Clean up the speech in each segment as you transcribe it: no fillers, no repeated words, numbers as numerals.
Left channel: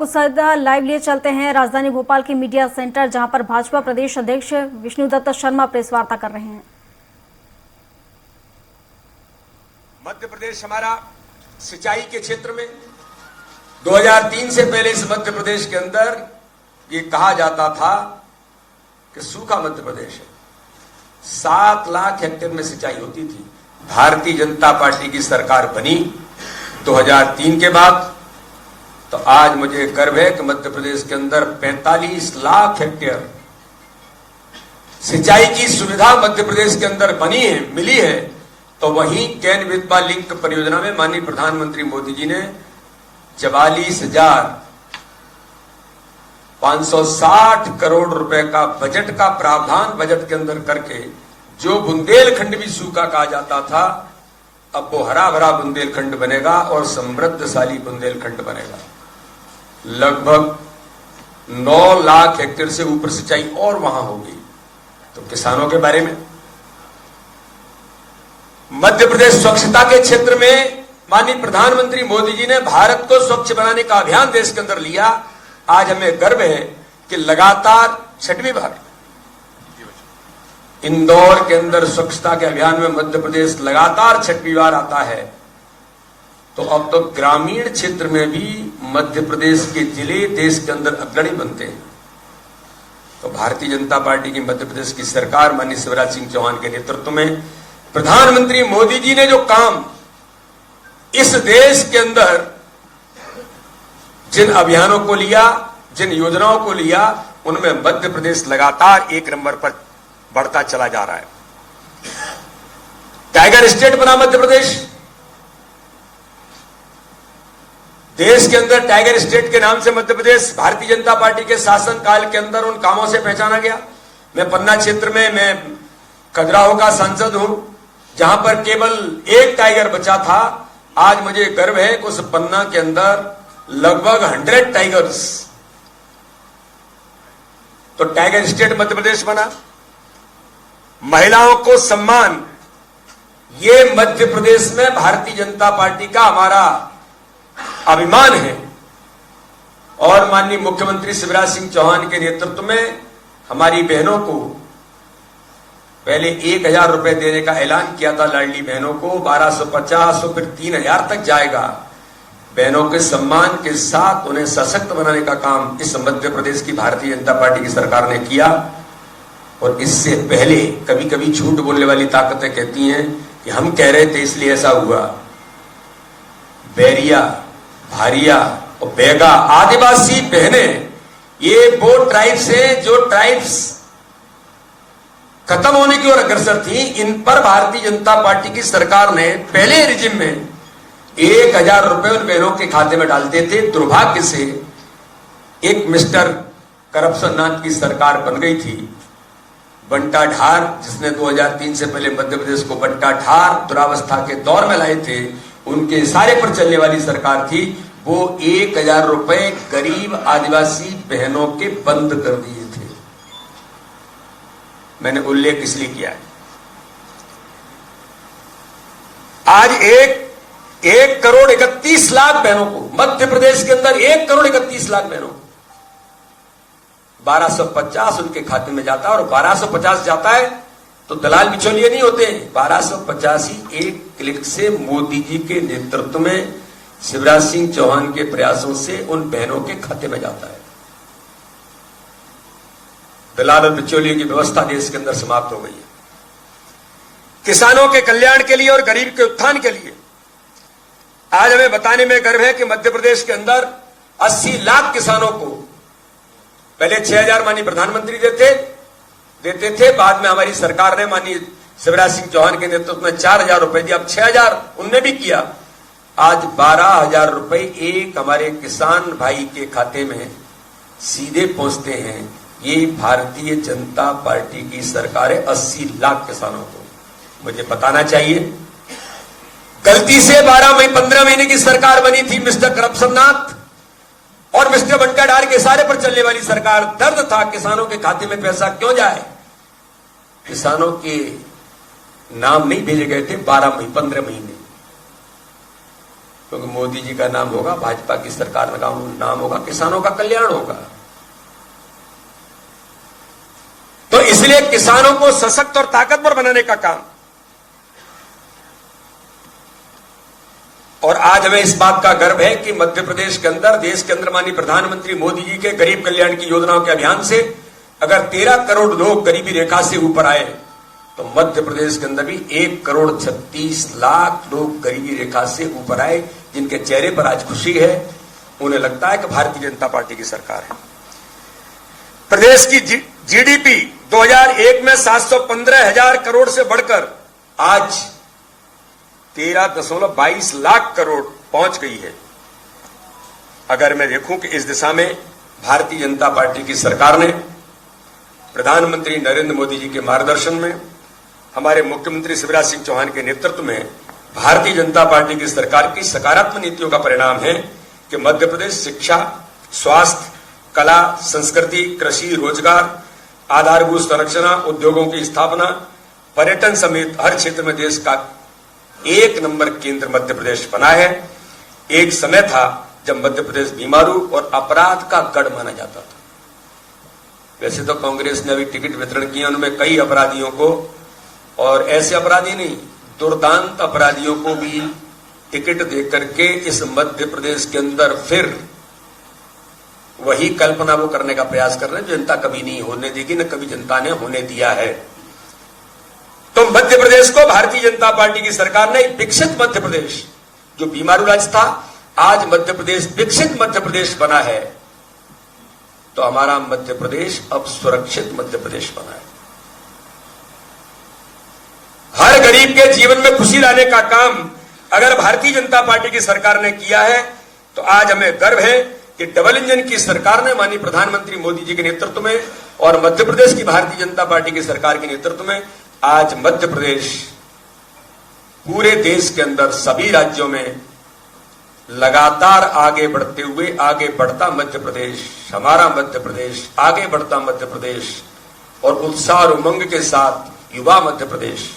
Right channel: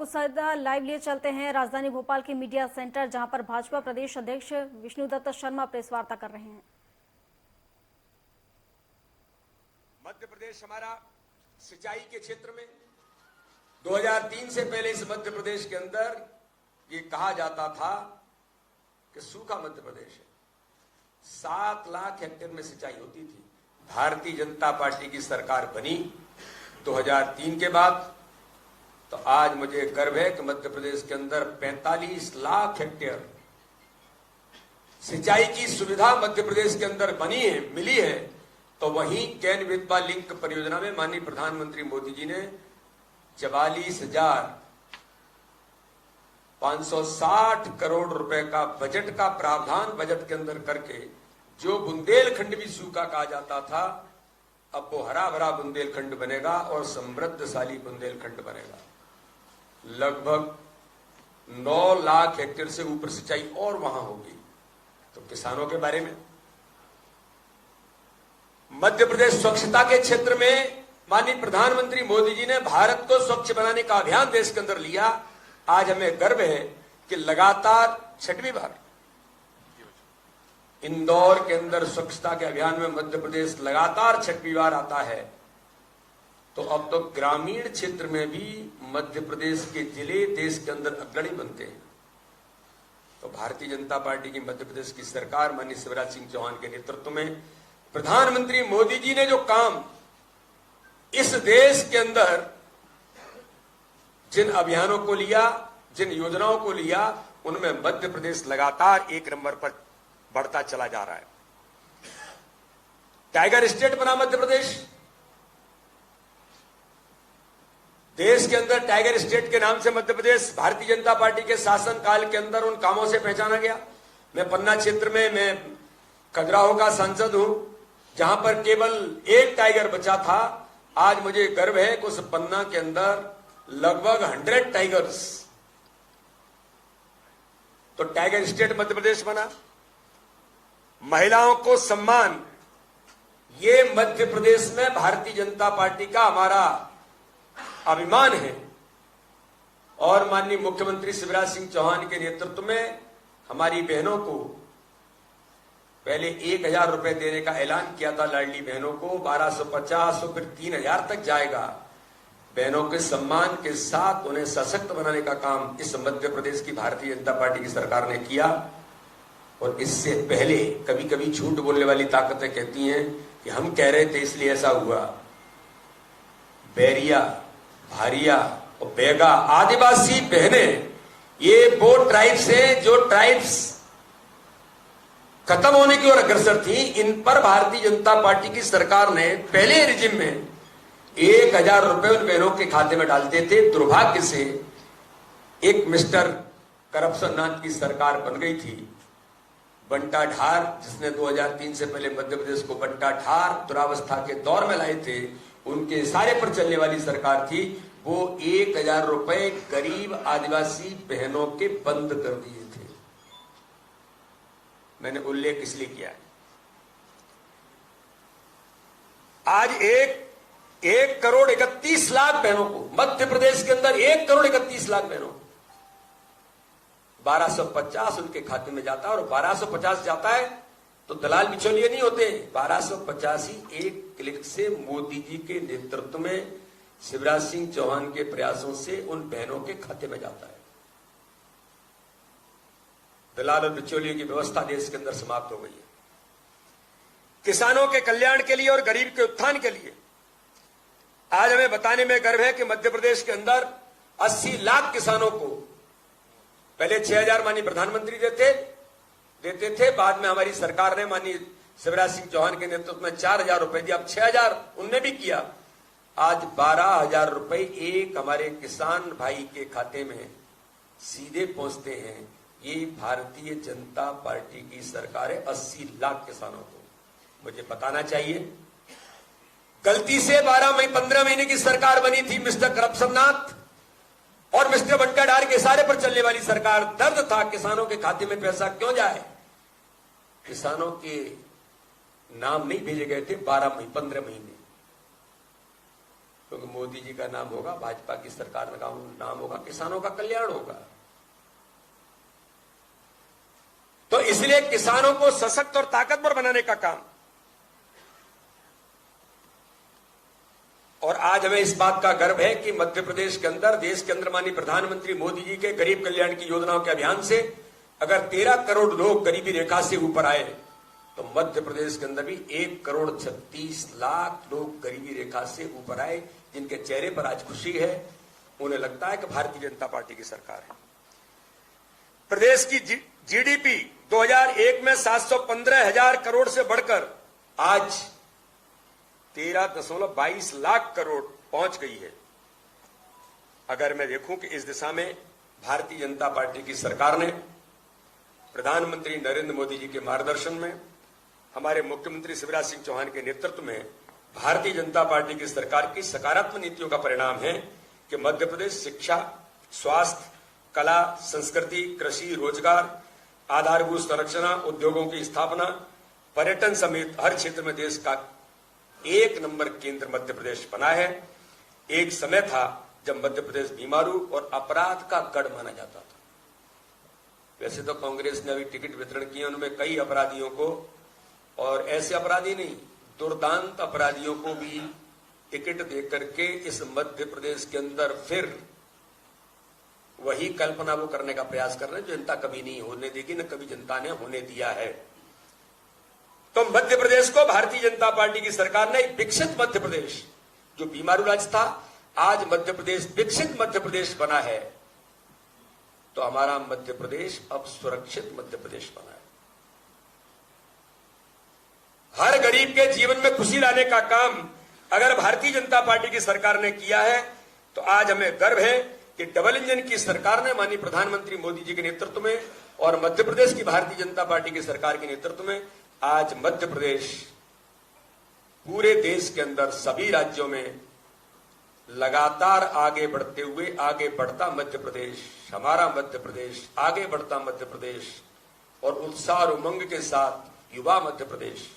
आपको सदा लाइव लिए चलते हैं राजधानी भोपाल के मीडिया सेंटर, जहां पर भाजपा प्रदेश अध्यक्ष विष्णुदत्त शर्मा प्रेस वार्ता कर रहे हैं। मध्य प्रदेश हमारा सिंचाई के क्षेत्र में 2003 से पहले इस मध्य प्रदेश के अंदर ये कहा जाता था कि सूखा मध्य प्रदेश है। 7 लाख हेक्टेयर में सिंचाई होती थी। भारतीय जनता पार्टी की सरकार बनी 2003 के बाद, तो आज मुझे गर्व है कि मध्य प्रदेश के अंदर 45 लाख हेक्टेयर सिंचाई की सुविधा मध्य प्रदेश के अंदर बनी है, मिली है। तो वहीं कैन विधवा लिंक परियोजना में माननीय प्रधानमंत्री मोदी जी ने 44,560 करोड़ रुपए का बजट का प्रावधान बजट के अंदर करके जो बुंदेलखंड भी सूखा कहा जाता था, अब वो हरा भरा बुंदेलखंड बनेगा और समृद्धशाली बुंदेलखंड बनेगा। लगभग 9 लाख हेक्टेयर से ऊपर सिंचाई और वहां होगी। तो किसानों के बारे में मध्य प्रदेश स्वच्छता के क्षेत्र में माननीय प्रधानमंत्री मोदी जी ने भारत को स्वच्छ बनाने का अभियान देश के अंदर लिया। आज हमें गर्व है कि लगातार 6वीं बार इंदौर के अंदर स्वच्छता के अभियान में मध्य प्रदेश लगातार 6वीं बार आता है। तो अब तो ग्रामीण क्षेत्र में भी मध्य प्रदेश के जिले देश के अंदर अग्रणी बनते हैं। तो भारतीय जनता पार्टी की मध्य प्रदेश की सरकार माननीय शिवराज सिंह चौहान के नेतृत्व में प्रधानमंत्री मोदी जी ने जो काम इस देश के अंदर जिन अभियानों को लिया, जिन योजनाओं को लिया, उनमें मध्य प्रदेश लगातार 1 नंबर पर बढ़ता चला जा रहा है। टाइगर स्टेट बना मध्य प्रदेश। देश के अंदर टाइगर स्टेट के नाम से मध्य प्रदेश भारतीय जनता पार्टी के शासन काल के अंदर उन कामों से पहचाना गया। मैं पन्ना क्षेत्र में मैं खजुराहो का सांसद हूं, जहां पर केवल 1 टाइगर बचा था। आज मुझे गर्व है कि उस पन्ना के अंदर लगभग 100 टाइगर्स। तो टाइगर स्टेट मध्य प्रदेश बना। महिलाओं को सम्मान, ये मध्य प्रदेश में भारतीय जनता पार्टी का हमारा अभिमान है। और माननीय मुख्यमंत्री शिवराज सिंह चौहान के नेतृत्व में हमारी बहनों को पहले 1,000 रुपए देने का ऐलान किया था। लाडली बहनों को 1250 और फिर 3,000 तक जाएगा। बहनों के सम्मान के साथ उन्हें सशक्त बनाने का काम इस मध्य प्रदेश की भारतीय जनता पार्टी की सरकार ने किया। और इससे पहले कभी कभी झूठ बोलने वाली ताकतें कहती हैं कि हम कह रहे थे इसलिए ऐसा हुआ। बैरिया, भारिया और बैगा आदिवासी बहनें, ये वो ट्राइब्स हैं जो ट्राइब्स खत्म होने की ओर अग्रसर थी। इन पर भारतीय जनता पार्टी की सरकार ने पहले रिजिम में 1,000 रुपए उन बहनों के खाते में डालते थे। दुर्भाग्य से एक मिस्टर करप्शन नाथ की सरकार बन गई थी, बंटा ढार, जिसने 2003 से पहले मध्य प्रदेश को बंटा ढार दुरावस्था के दौर में लाए थे। उनके इशारे पर चलने वाली सरकार थी। वो 1,000 रुपए गरीब आदिवासी बहनों के बंद कर दिए थे। मैंने उल्लेख इसलिए किया है। आज 1 करोड़ 31 लाख बहनों को मध्य प्रदेश के अंदर 1 करोड़ 31 लाख बहनों को 1250 उनके खाते में जाता है। और 1250 जाता है तो दलाल बिचौलिए नहीं होते। 1250 ही एक क्लिक से मोदी जी के नेतृत्व में शिवराज सिंह चौहान के प्रयासों से उन बहनों के खाते में जाता है। दलाल और बिचौलिए की व्यवस्था देश के अंदर समाप्त हो गई है। किसानों के कल्याण के लिए और गरीब के उत्थान के लिए आज हमें बताने में गर्व है कि मध्य प्रदेश के अंदर 80 लाख किसानों को पहले 6,000 माननीय प्रधानमंत्री देते थे। बाद में हमारी सरकार ने माननीय शिवराज सिंह चौहान के नेतृत्व में 4,000 रुपए दिया। अब 6,000 उनने भी किया। आज 12,000 रुपए एक हमारे किसान भाई के खाते में सीधे पहुंचते हैं। ये भारतीय जनता पार्टी की सरकार है। 80 लाख किसानों को मुझे बताना चाहिए। गलती से 15 महीने की सरकार बनी थी मिस्टर करप्शन नाथ और मिस्टर बंटा ढार के इशारे पर चलने वाली सरकार। दर्द था किसानों के खाते में पैसा क्यों जाए। किसानों के नाम नहीं भेजे गए थे 15 महीने। क्योंकि मोदी जी का नाम होगा, भाजपा की सरकार का नाम होगा, किसानों का कल्याण होगा। तो इसलिए किसानों को सशक्त और ताकतवर बनाने का काम, और आज हमें इस बात का गर्व है कि मध्य प्रदेश के अंदर, देश के अंदर माननीय प्रधानमंत्री मोदी जी के गरीब कल्याण की योजनाओं के अभियान से अगर 13 करोड़ लोग गरीबी रेखा से ऊपर आए, तो मध्य प्रदेश के अंदर भी 1,36,00,000 लोग गरीबी रेखा से ऊपर आए, जिनके चेहरे पर आज खुशी है। उन्हें लगता है कि भारतीय जनता पार्टी की सरकार है। प्रदेश की जीडीपी 2001 में 715,000 करोड़ से बढ़कर आज 13.22 लाख करोड़ पहुंच गई है। अगर मैं देखूं कि इस दिशा में भारतीय जनता पार्टी की सरकार ने प्रधानमंत्री नरेंद्र मोदी जी के मार्गदर्शन में, हमारे मुख्यमंत्री शिवराज सिंह चौहान के नेतृत्व में भारतीय जनता पार्टी की सरकार की सकारात्मक नीतियों का परिणाम है कि मध्य प्रदेश शिक्षा, स्वास्थ्य, कला, संस्कृति, कृषि, रोजगार, आधारभूत संरचना, उद्योगों की स्थापना, पर्यटन समेत हर क्षेत्र में देश का 1 नंबर केंद्र मध्य प्रदेश बना है। एक समय था जब मध्य प्रदेश बीमारू और अपराध का गढ़ माना जाता था। वैसे तो कांग्रेस ने अभी टिकट वितरण किया, उनमें कई अपराधियों को, और ऐसे अपराधी नहीं, दुर्दांत अपराधियों को भी टिकट देकर के इस मध्य प्रदेश के अंदर फिर वही कल्पना वो करने का प्रयास कर रहे हैं जो जनता कभी नहीं होने देगी, न कभी जनता ने होने दिया है। तो मध्य प्रदेश को भारतीय जनता पार्टी की सरकार ने विकसित मध्य प्रदेश, जो बीमारू राज्य था, आज मध्य प्रदेश विकसित मध्य प्रदेश बना है। तो हमारा मध्य प्रदेश अब सुरक्षित मध्य प्रदेश बना है। हर गरीब के जीवन में खुशी लाने का काम अगर भारतीय जनता पार्टी की सरकार ने किया है, तो आज हमें गर्व है कि डबल इंजन की सरकार ने माननीय प्रधानमंत्री मोदी जी के नेतृत्व में और मध्य प्रदेश की भारतीय जनता पार्टी की सरकार के नेतृत्व में आज मध्य प्रदेश पूरे देश के अंदर सभी राज्यों में लगातार आगे बढ़ते हुए, आगे बढ़ता मध्य प्रदेश, हमारा मध्य प्रदेश, आगे बढ़ता मध्य प्रदेश और उत्साह और उमंग के साथ युवा मध्य प्रदेश,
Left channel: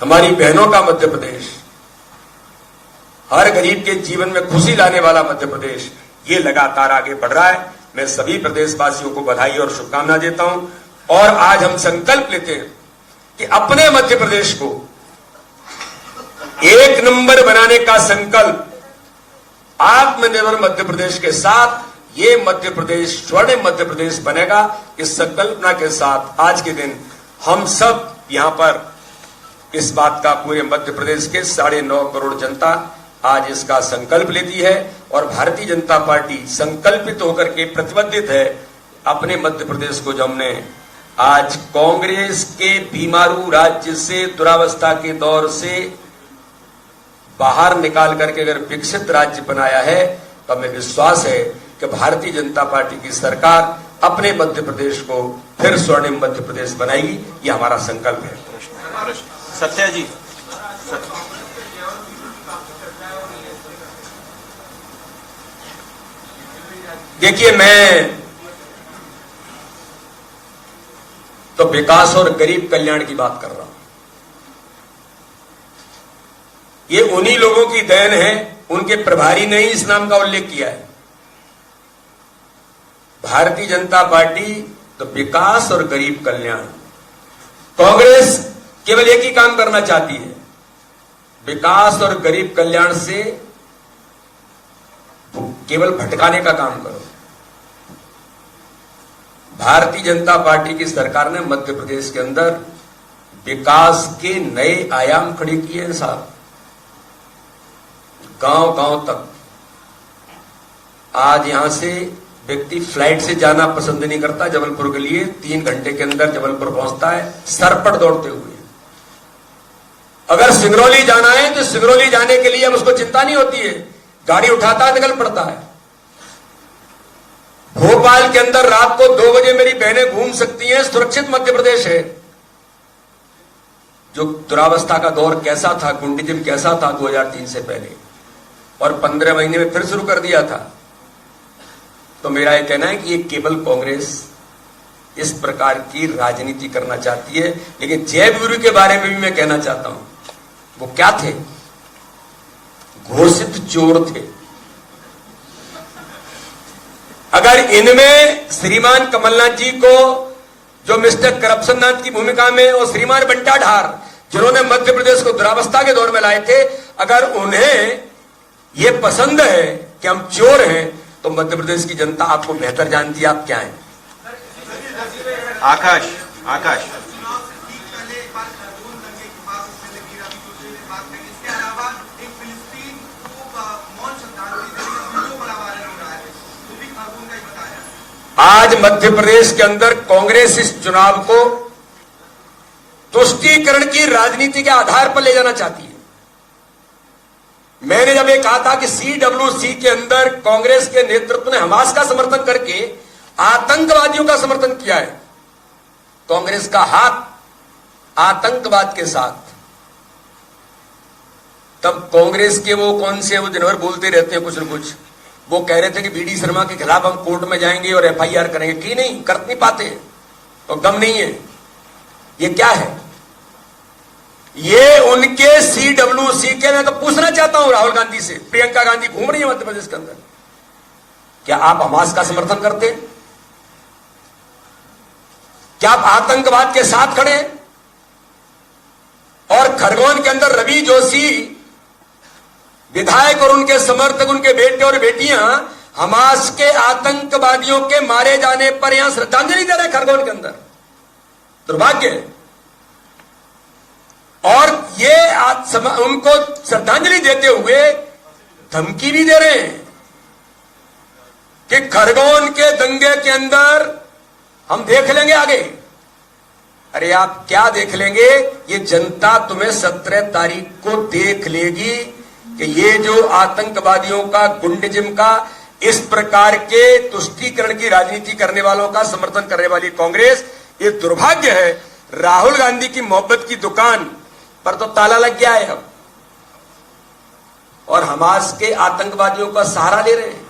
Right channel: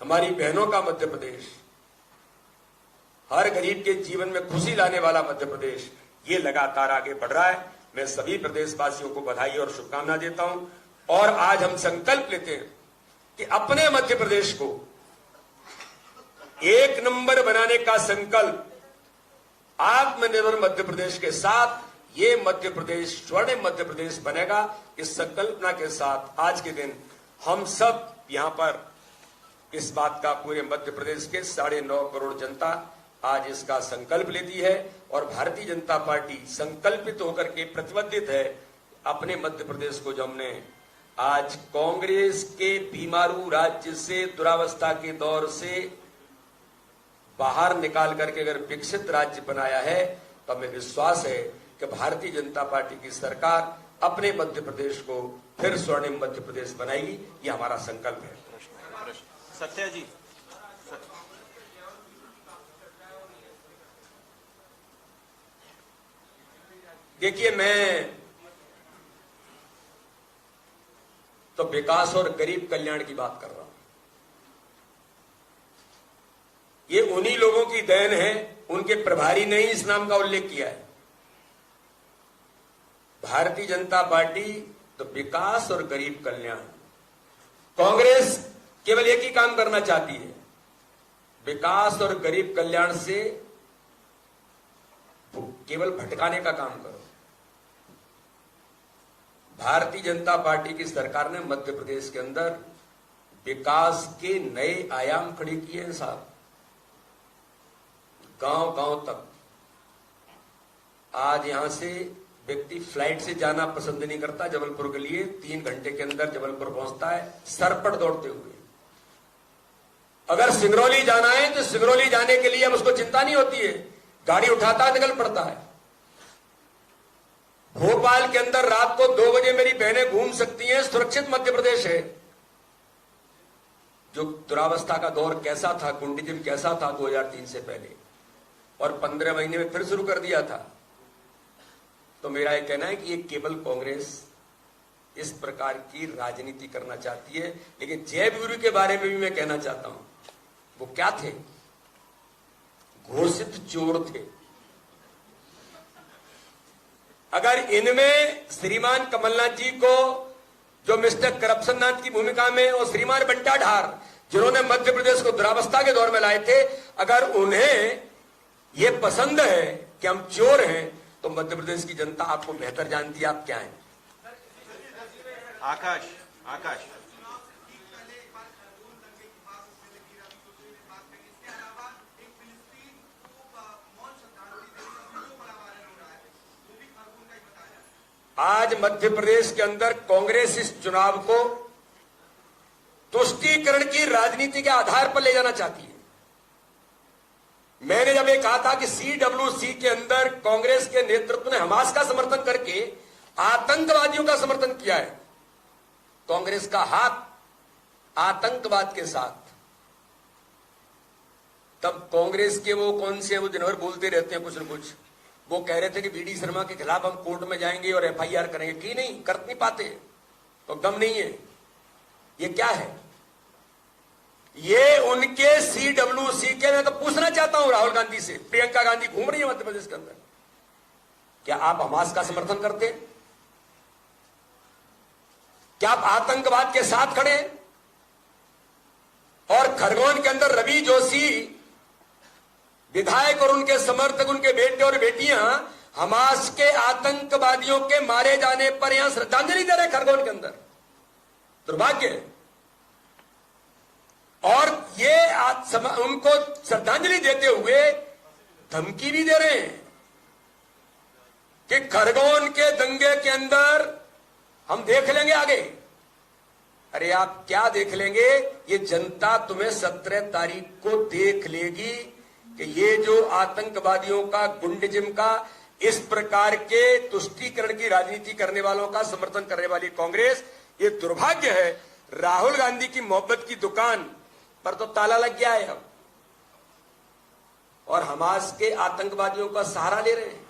हमारी बहनों का मध्य प्रदेश, हर गरीब के जीवन में खुशी लाने वाला मध्य प्रदेश, ये लगातार आगे बढ़ रहा है। मैं सभी प्रदेशवासियों को बधाई और शुभकामना देता हूं। और आज हम संकल्प लेते हैं कि अपने मध्य प्रदेश को 1 नंबर बनाने का संकल्प, आत्मनिर्भर मध्य प्रदेश के साथ ये मध्य प्रदेश स्वर्णिम मध्य प्रदेश बनेगा। इस संकल्पना के साथ आज के दिन हम सब यहां पर इस बात का पूरे मध्य प्रदेश के 9.5 करोड़ जनता आज इसका संकल्प लेती है और भारतीय जनता पार्टी संकल्पित होकर के प्रतिबद्ध है अपने मध्य प्रदेश को, जो हमने आज कांग्रेस के बीमारू राज्य से, दुरावस्था के दौर से बाहर निकाल करके अगर विकसित राज्य बनाया है, तो हमें विश्वास है कि भारतीय जनता पार्टी की सरकार अपने मध्य प्रदेश को फिर स्वर्णिम मध्य प्रदेश बनाएगी। ये हमारा संकल्प है। सत्या जी, देखिए, मैं तो विकास और गरीब कल्याण की बात कर रहा हूं। ये उन्हीं लोगों की देन है, उनके प्रभारी ने ही इस नाम का उल्लेख किया है। भारतीय जनता पार्टी तो विकास और गरीब कल्याण, कांग्रेस केवल एक ही काम करना चाहती है, विकास और गरीब कल्याण से केवल भटकाने का काम करो। भारतीय जनता पार्टी की सरकार ने मध्य प्रदेश के अंदर विकास के नए आयाम खड़े किए हैं साहब। गांव गांव तक आज यहां से व्यक्ति फ्लाइट से जाना पसंद नहीं करता, जबलपुर के लिए 3 घंटे के अंदर जबलपुर पहुंचता है सरपट दौड़ते हुए। अगर सिंगरौली जाना है तो सिंगरौली जाने के लिए अब उसको चिंता नहीं होती है, गाड़ी उठाता निकल पड़ता है। भोपाल के अंदर रात को 2 बजे मेरी बहनें घूम सकती हैं, सुरक्षित मध्य प्रदेश है। जो दुरावस्था का दौर कैसा था, गुंडीज्म कैसा था 2003 से पहले, और 15 महीने में फिर शुरू कर दिया था। तो मेरा यह कहना है कि ये केवल कांग्रेस इस प्रकार की राजनीति करना चाहती है। लेकिन जय वीरू के बारे में भी मैं कहना चाहता हूं, वो क्या थे? घोषित चोर थे। अगर इनमें श्रीमान कमलनाथ जी को, जो मिस्टर करप्शन नाथ की भूमिका में, और श्रीमान बंटा ढार, जिन्होंने मध्य प्रदेश को दुरावस्था के दौर में लाए थे, अगर उन्हें यह पसंद है कि हम चोर हैं, तो मध्य प्रदेश की जनता आपको बेहतर जानती है आप क्या हैं। आकाश आकाश आज मध्य प्रदेश के अंदर कांग्रेस इस चुनाव को तुष्टीकरण की राजनीति के आधार पर ले जाना चाहती है। मैंने जब ये कहा था कि CWC के अंदर कांग्रेस के नेतृत्व ने हमास का समर्थन करके आतंकवादियों का समर्थन किया है, कांग्रेस का हाथ आतंकवाद के साथ, तब कांग्रेस के वो कौन से, वो दिन भर बोलते रहते हैं कुछ न कुछ, वो कह रहे थे कि BD शर्मा के खिलाफ हम कोर्ट में जाएंगे और FIR करेंगे, की नहीं, कर नहीं पाते, तो दम नहीं है। ये क्या है? ये उनके CWC के, मैं तो पूछना चाहता हूं राहुल गांधी से, प्रियंका गांधी घूम रही है मध्य प्रदेश के अंदर, क्या आप हमास का समर्थन करते हैं? क्या आप आतंकवाद के साथ खड़े हैं? और खरगोन के अंदर रवि जोशी विधायक और उनके समर्थक, उनके बेटे और बेटियां हमास के आतंकवादियों के मारे जाने पर यहां श्रद्धांजलि दे रहे हैं खरगोन के अंदर, दुर्भाग्य है। और ये उनको श्रद्धांजलि देते हुए धमकी भी दे रहे हैं कि खरगोन के दंगे के अंदर हम देख लेंगे आगे। अरे आप क्या देख लेंगे? ये जनता तुम्हें 17 तारीख को देख लेगी कि ये जो आतंकवादियों का, गुंडजिम का, इस प्रकार के तुष्टीकरण की राजनीति करने वालों का समर्थन करने वाली कांग्रेस, ये दुर्भाग्य है। राहुल गांधी की मोहब्बत की दुकान पर तो ताला लग गया है अब, और हमास के आतंकवादियों का सहारा ले रहे हैं,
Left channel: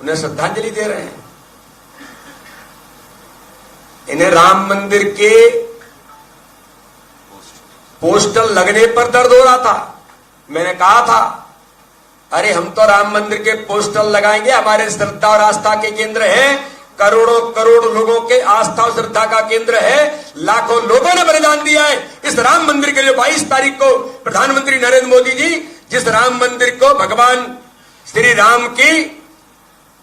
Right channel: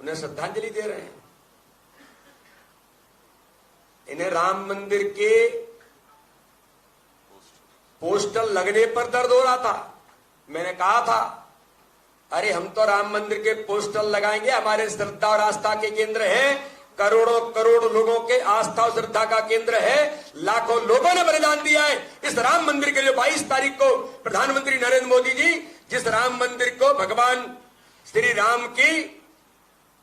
उन्हें श्रद्धांजलि दे रहे हैं। इन्हें राम मंदिर के पोस्टर लगने पर दर्द हो रहा था। मैंने कहा था, अरे हम तो राम मंदिर के पोस्टर लगाएंगे, हमारे श्रद्धा और आस्था के केंद्र हैं, करोड़ों करोड़ लोगों के आस्था और श्रद्धा का केंद्र है, लाखों लोगों ने बलिदान दिया है इस राम मंदिर के लिए। 22 तारीख को प्रधानमंत्री नरेंद्र मोदी जी जिस राम मंदिर को भगवान श्री राम की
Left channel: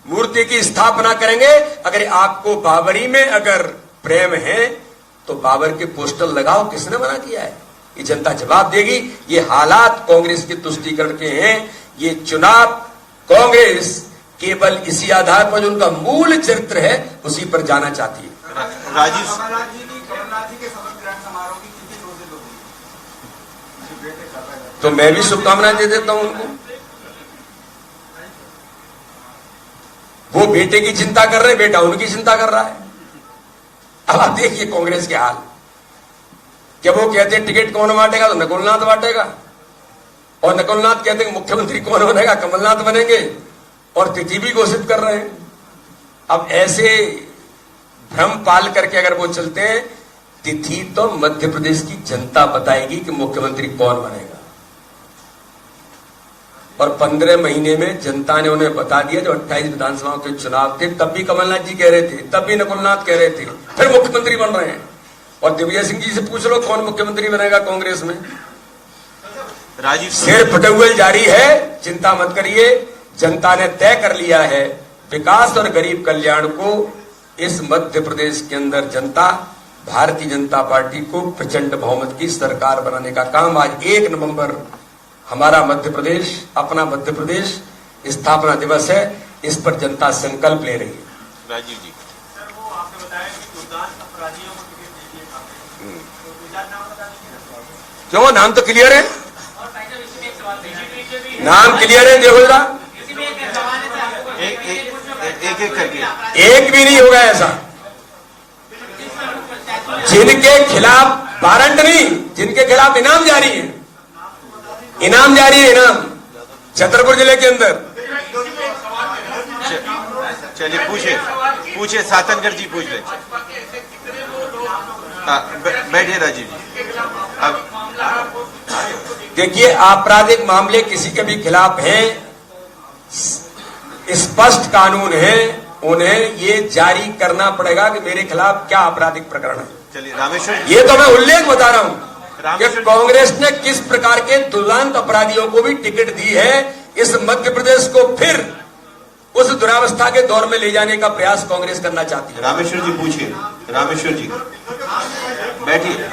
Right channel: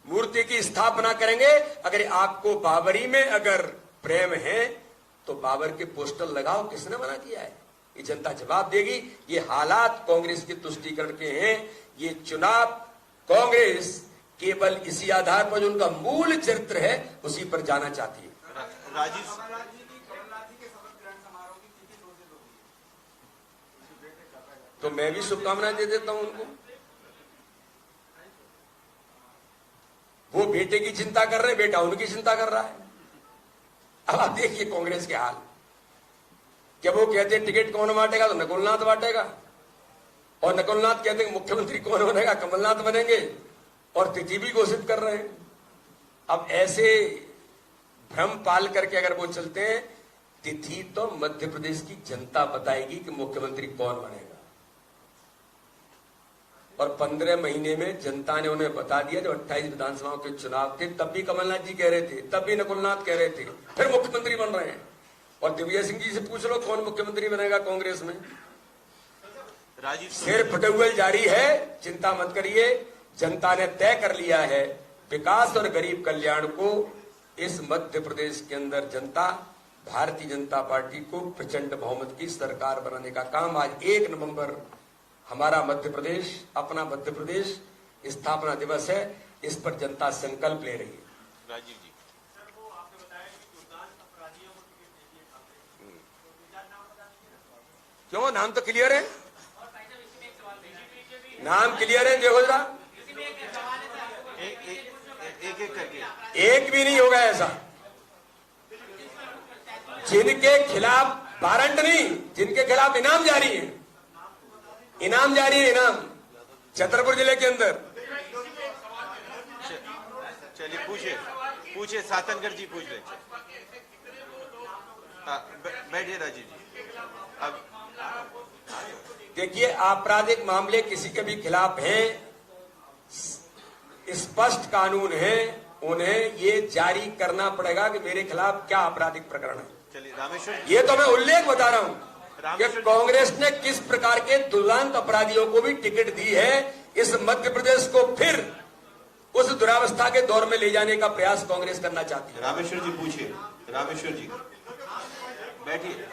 मूर्ति की स्थापना करेंगे, अगर आपको बाबरी में अगर प्रेम है तो बाबर के पोस्टर लगाओ, किसने मना किया है? ये जनता जवाब देगी। ये हालात कांग्रेस के तुष्टीकरण के हैं। ये चुनाव कांग्रेस केवल इसी आधार पर जो उनका मूल चरित्र है उसी पर जाना चाहती है। राजीव तो मैं भी शुभकामनाएं दे देता हूं उनको। वो बेटे की चिंता कर रहे, बेटा उनकी चिंता कर रहा है। अब आप देखिए कांग्रेस के हाल, क्या वो कहते हैं टिकट कौन बांटेगा? तो नकुलनाथ बांटेगा। और नकुलनाथ कहते हैं मुख्यमंत्री कौन बनेगा? कमलनाथ बनेंगे। और तिथि भी घोषित कर रहे हैं। अब ऐसे भ्रम पाल करके अगर वो चलते हैं, तिथि तो मध्य प्रदेश की जनता बताएगी कि मुख्यमंत्री कौन बनेगा। और 15 महीने में जनता ने उन्हें बता दिया। जो 28 विधानसभाओं के चुनाव थे तब भी कमलनाथ जी कह रहे थे, तब भी नकुलनाथ कह रहे थे, फिर मुख्यमंत्री बन रहे हैं। और दिग्विजय सिंह जी से पूछ लो कौन मुख्यमंत्री बनेगा कांग्रेस में। राजीव सिर फटे हुए जारी है, चिंता मत करिए। जनता ने तय कर लिया है विकास और गरीब कल्याण को। इस मध्य प्रदेश के अंदर जनता भारतीय जनता पार्टी को प्रचंड बहुमत की सरकार बनाने का काम, आज 1 नवंबर हमारा मध्य प्रदेश, अपना मध्य प्रदेश स्थापना दिवस है, इस पर जनता संकल्प ले रही है। राजीव जी सर, वो आपने बताया कि गुरदास अपराधियों को टिकट दे दिए कांग्रेस, तो गुरदास नाम बता दीजिए। क्यों? नाम तो क्लियर है, और भाई साहब इसमें एक सवाल बीजेपी नाम क्लियर है। देखो जरा, इसमें एक सवाल है सर, एक एक करके एक भी नहीं होगा ऐसा। जिनके खिलाफ वारंट नहीं, जिनके खिलाफ इनाम जारी है, इनाम जारी है, इनाम छतरपुर जिले के अंदर। चलिए पूछे सातनकर जी पूछ ले। बैठिए राजीव जी। अब देखिए, आपराधिक मामले किसी के भी खिलाफ हैं, स्पष्ट कानून है, उन्हें ये जारी करना पड़ेगा कि मेरे खिलाफ क्या आपराधिक प्रकरण है। चलिए रामेश्वर ये तो मैं उल्लेख बता रहा हूं कि रामेश्वर- कांग्रेस ने किस प्रकार के दुर्दांत अपराधियों को भी टिकट दी है। इस मध्य प्रदेश को फिर उस दुरावस्था के दौर में ले जाने का प्रयास कांग्रेस करना चाहती है। रामेश्वर जी पूछिए, रामेश्वर जी बैठिए।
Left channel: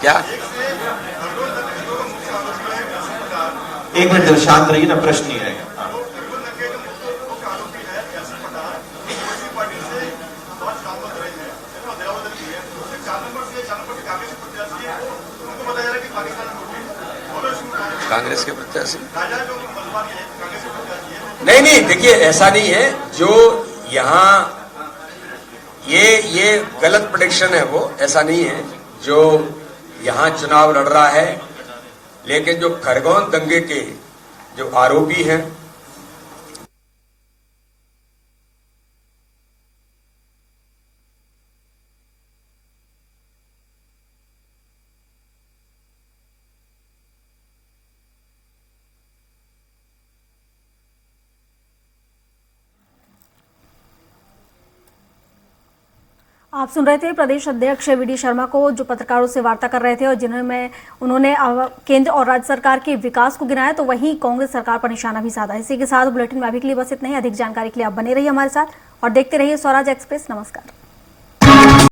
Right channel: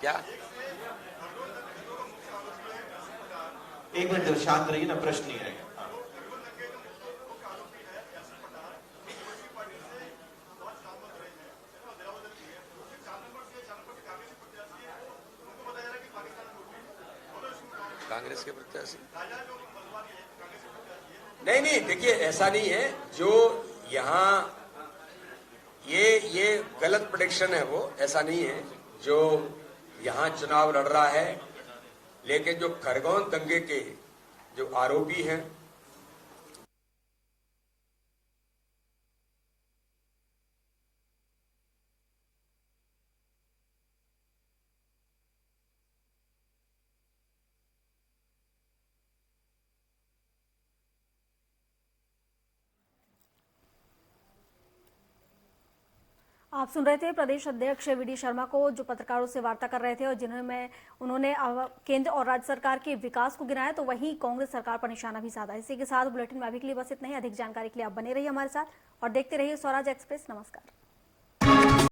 क्या? एक मिनट शांत रहिए ना, प्रश्न नहीं रहेगा। कांग्रेस के प्रत्याशी नहीं, देखिए ऐसा नहीं है। जो यहाँ ये गलत प्रेडिक्शन है, वो ऐसा नहीं है। जो यहाँ चुनाव लड़ रहा है, लेकिन जो खरगोन दंगे के जो आरोपी हैं, आप सुन रहे थे प्रदेश अध्यक्ष वी डी शर्मा को, जो पत्रकारों से वार्ता कर रहे थे और जिन्होंने उन्होंने केंद्र और राज्य सरकार के विकास को गिनाया, तो वहीं कांग्रेस सरकार पर निशाना भी साधा। इसी के साथ बुलेटिन में अभी के लिए बस इतना ही। अधिक जानकारी के लिए आप बने रहिए हमारे साथ और देखते रहिए स्वराज एक्सप्रेस। नमस्कार।